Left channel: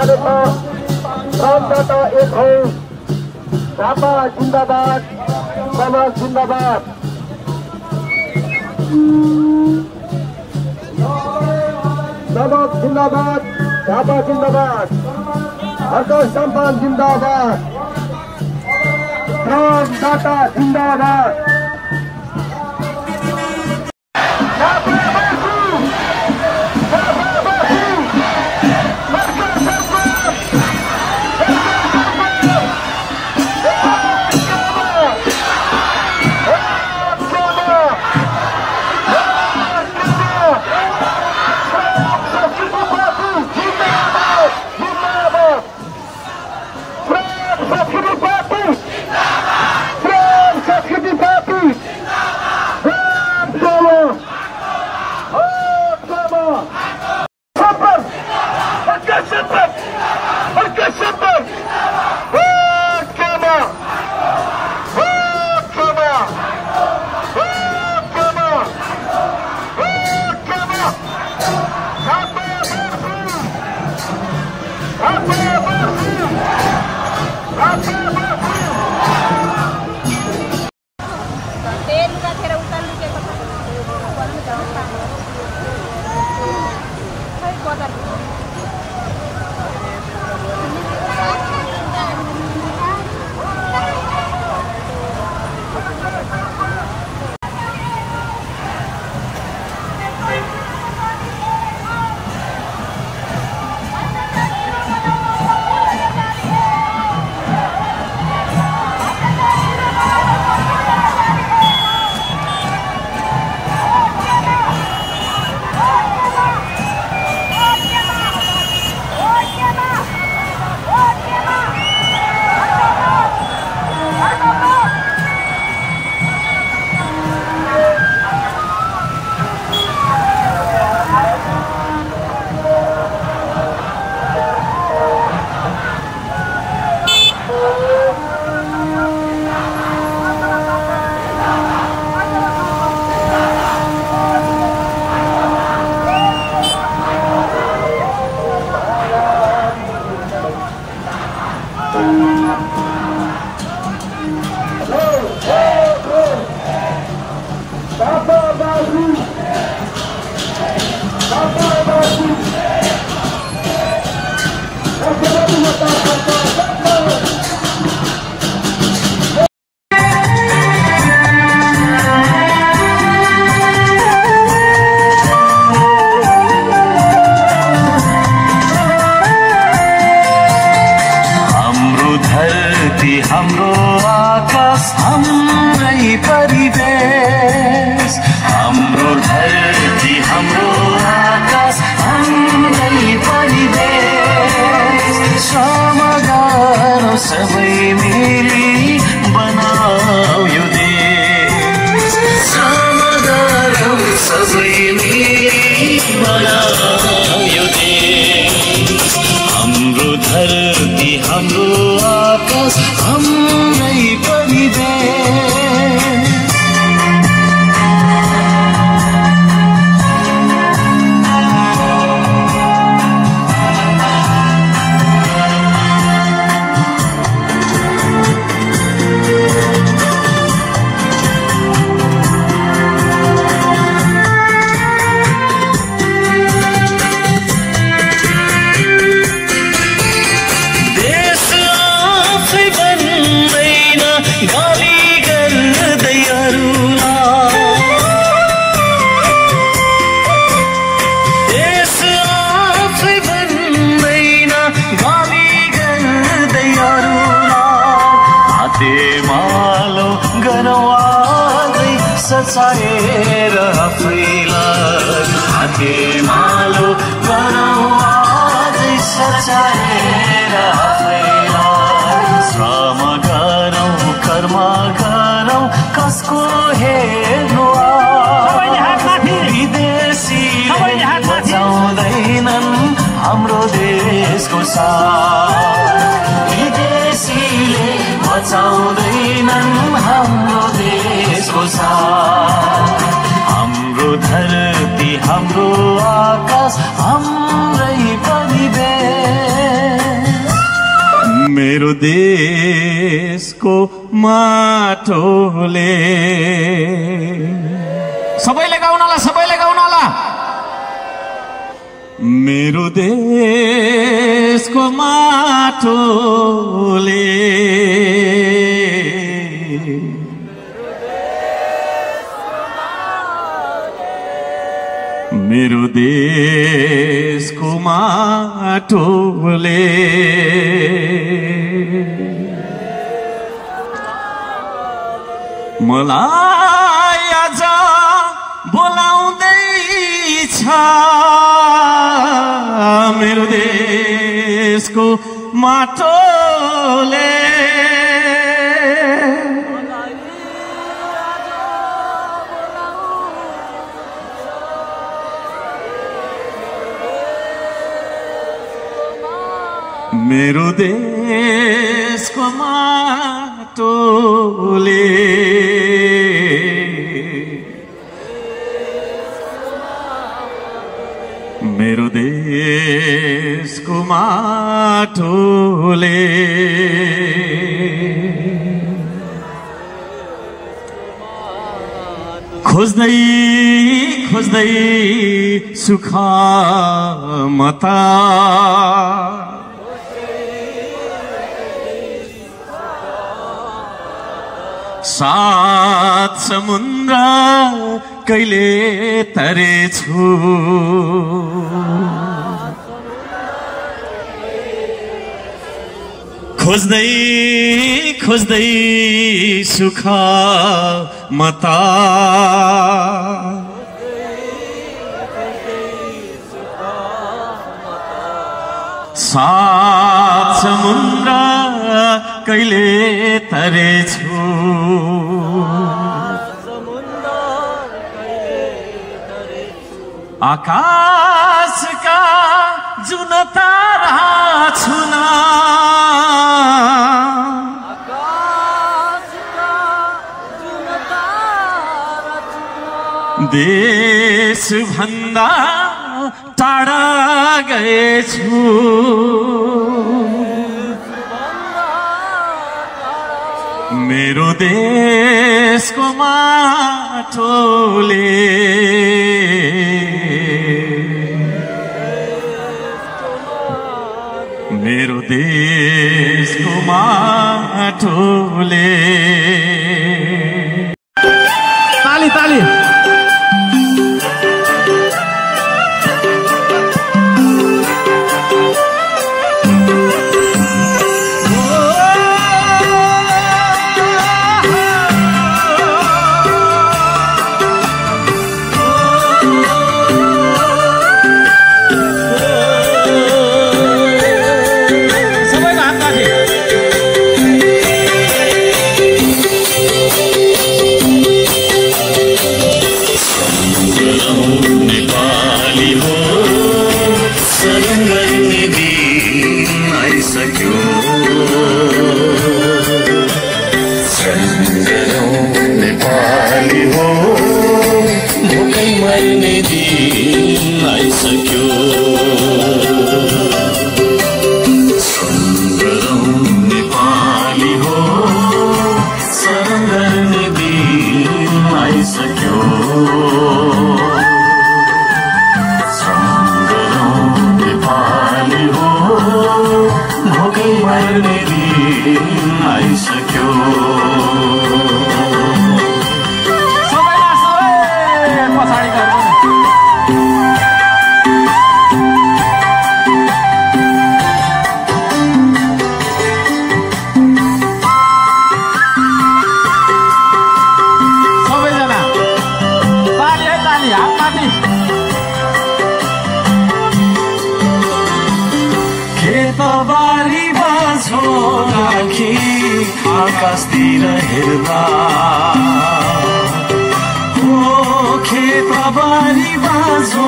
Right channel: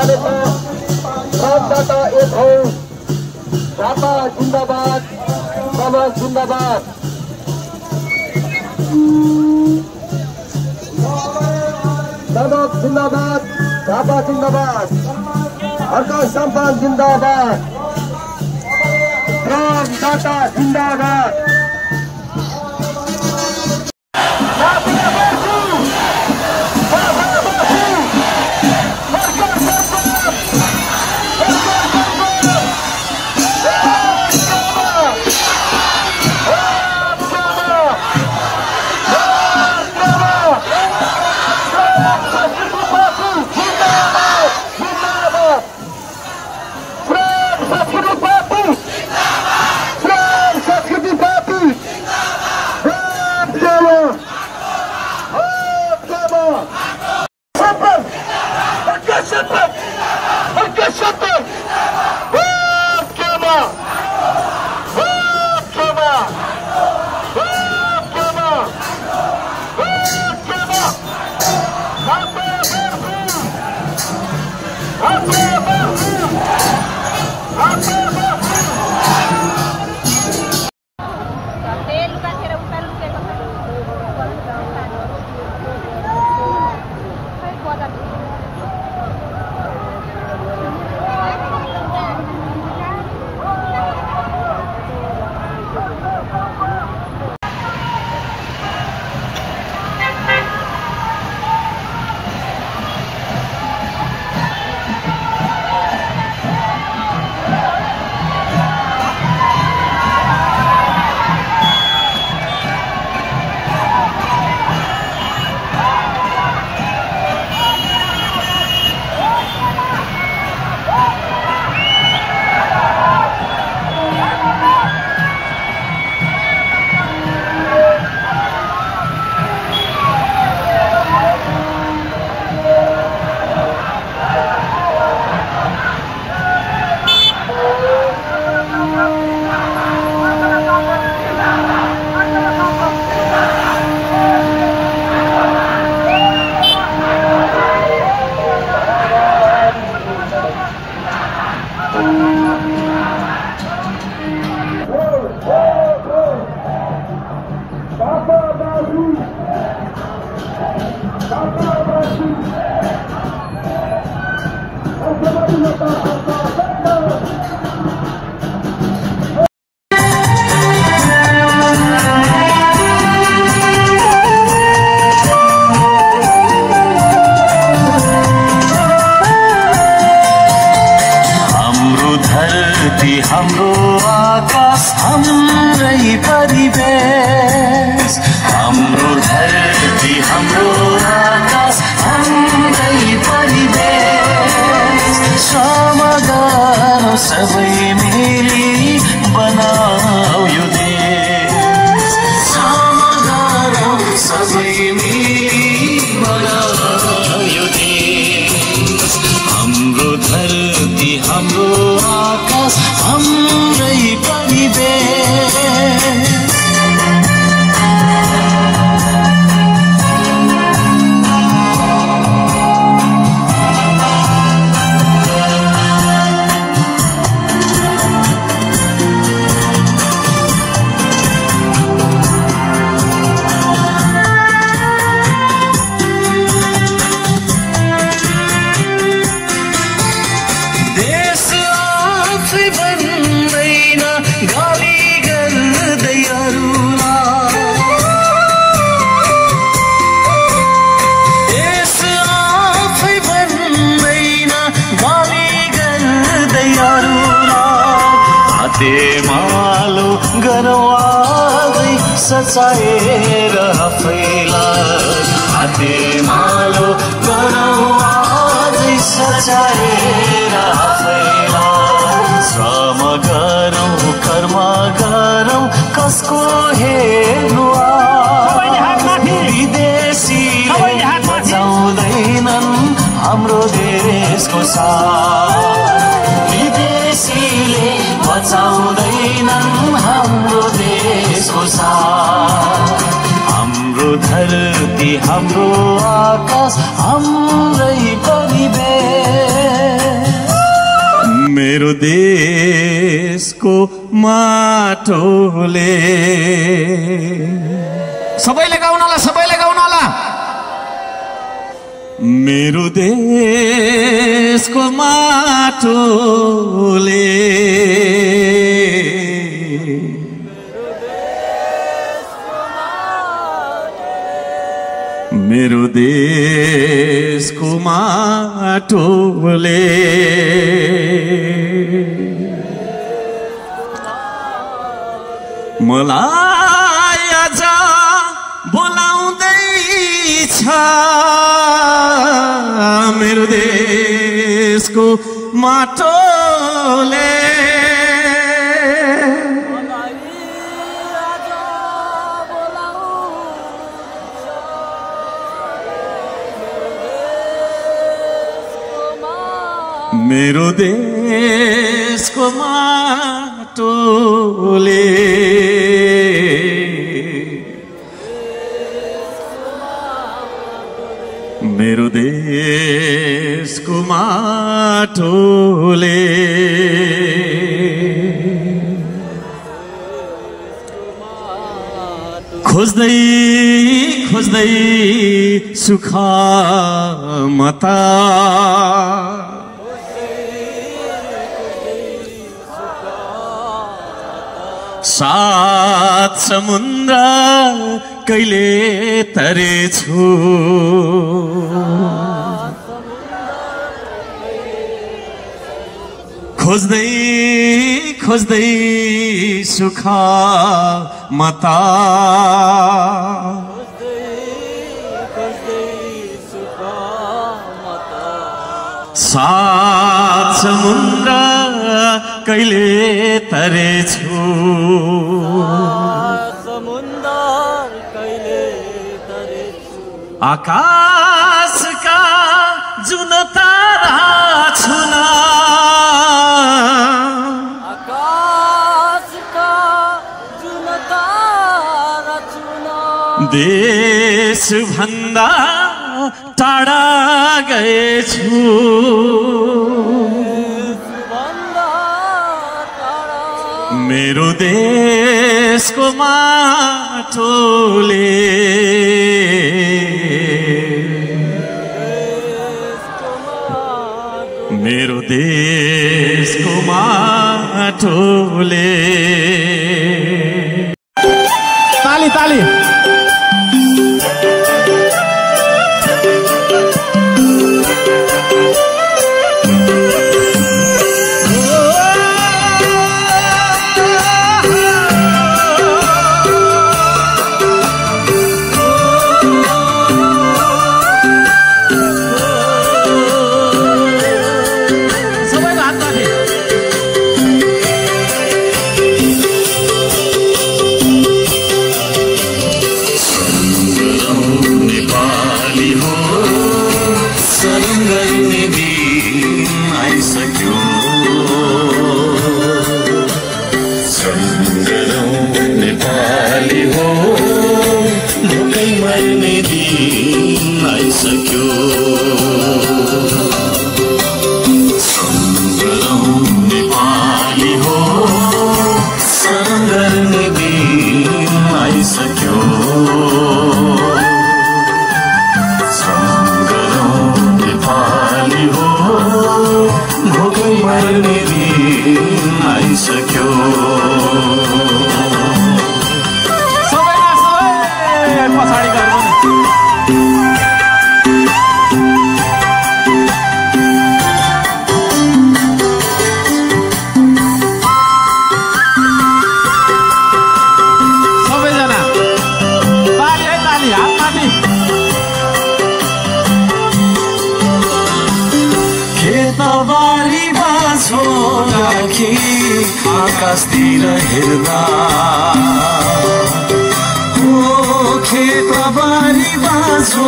जानेछ। फ्रन्टबाट एक हौ, झापा जिन्दाबाद, समाज जिन्दाबाद। समाज जिन्दाबाद, झापा जिन्दाबाद, हर्क सम्मान जिन्दाबाद, फ्रन्टबाट जिन्दाबाद। हाम्रो आकाश हाम्रै परिवेश, हाम्रो धरती हाम्रो आकाश हाम्रै परिवेश। समाधान सबै मिली बनाऊ यो देश, समाधान सबै मिली बनाऊ यो देश। हाम्रो धरती हाम्रो आकाश हाम्रै परिवेश। मालो गरवादै सचाएर आफैलाई, हाते मालो गरवादै सचाएर आफैलाई। श्रम गरौँ कर्म गरौँ कसको हेर्नु, विदेशीले बचाउँदैनन् हाम्रो देशको साथ, विदेशीले बचाउँदैनन् हाम्रो देशको साथ। हाम्रो धरती हाम्रो आकाश हाम्रै परिवेश। मेरो देशको माटोले सबैले गाउन होला मेरो देशको माटोले मेरो देशको माटोले मलाई आज बोलाउँदैछ मेरो देशको माटोले मेरो देशको माटोले मेरो देशको माटोले खोज्दै खोज्दै सुख मता सात समुद्र कहिले तरेछु खोज्दै खोज्दै सुख मता सात समुद्र कहिले तरेछु आकाशका जुन तारा छुन देश भन्दा टाढा गएछु मेरो देशको माटोले मेरो देशको माटोले ताली ताली आकाशतिर हेर्दा खेतबारी बाँझो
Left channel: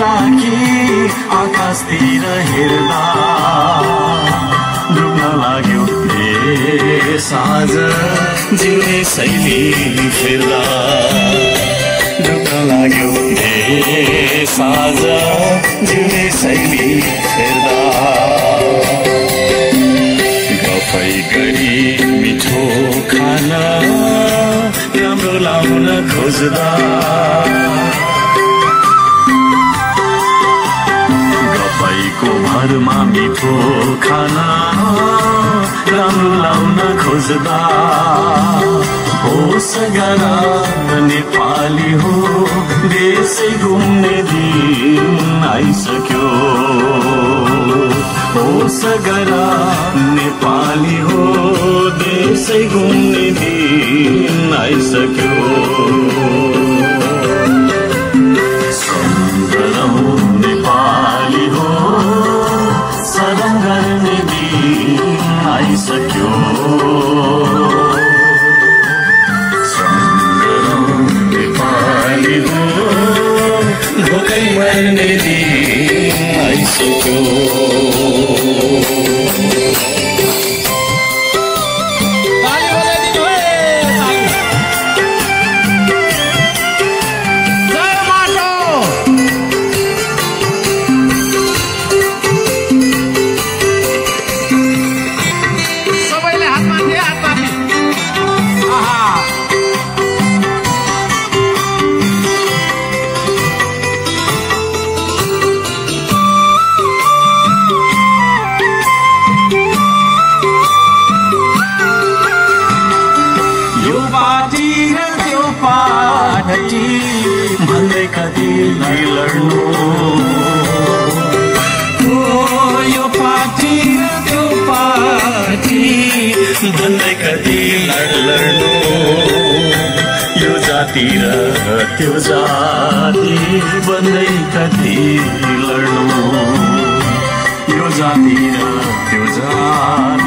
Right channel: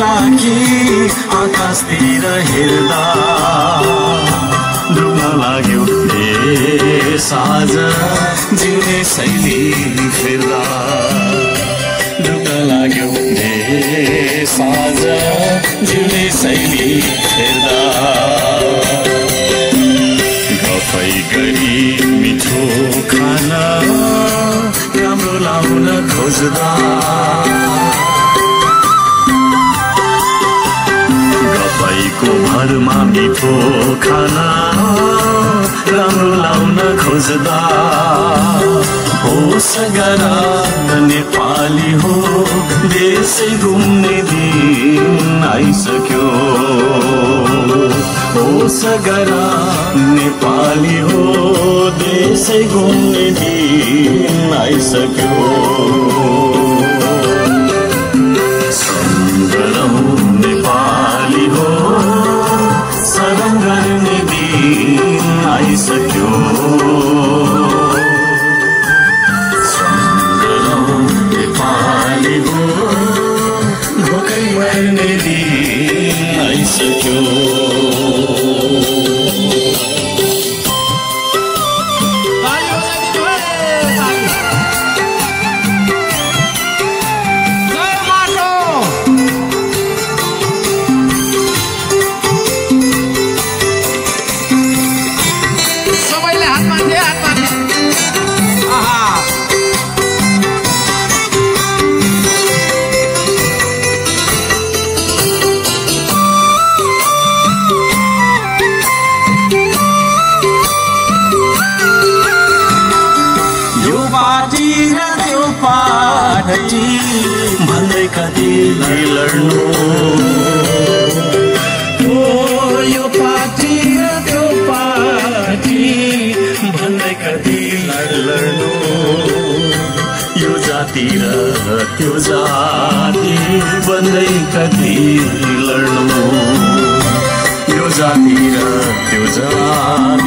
राखी आकाशतिर हेर्दा डुब्न लाग्यो हे साँझ जिउने शैली फेर्दा डुब्न लाग्यो हे साँझ जिउने शैली फेर्दा गफै गरी मिठो खाना राम्रो लाउन खोज्दा गफैको भरमा मिठो खाना राम्रो लाउन खोज्दा होस गरा नेपाली हो देशै घुम्ने दिन आइसक्यो होस गरा नेपाली हो देशै घुम्ने दिन आइसक्यो सुन्दरौ नेपाली हो सदन गर्ने दिन आइसक्यो भोकै मर्ने दिन आइसक्यो भन्दै कति लड्नु यो पार्टी त्यो पार्टी भन्दै कति लड्नु यो जाति र त्यो जाति भन्दै कति लड्नु यो जाति र त्यो जाति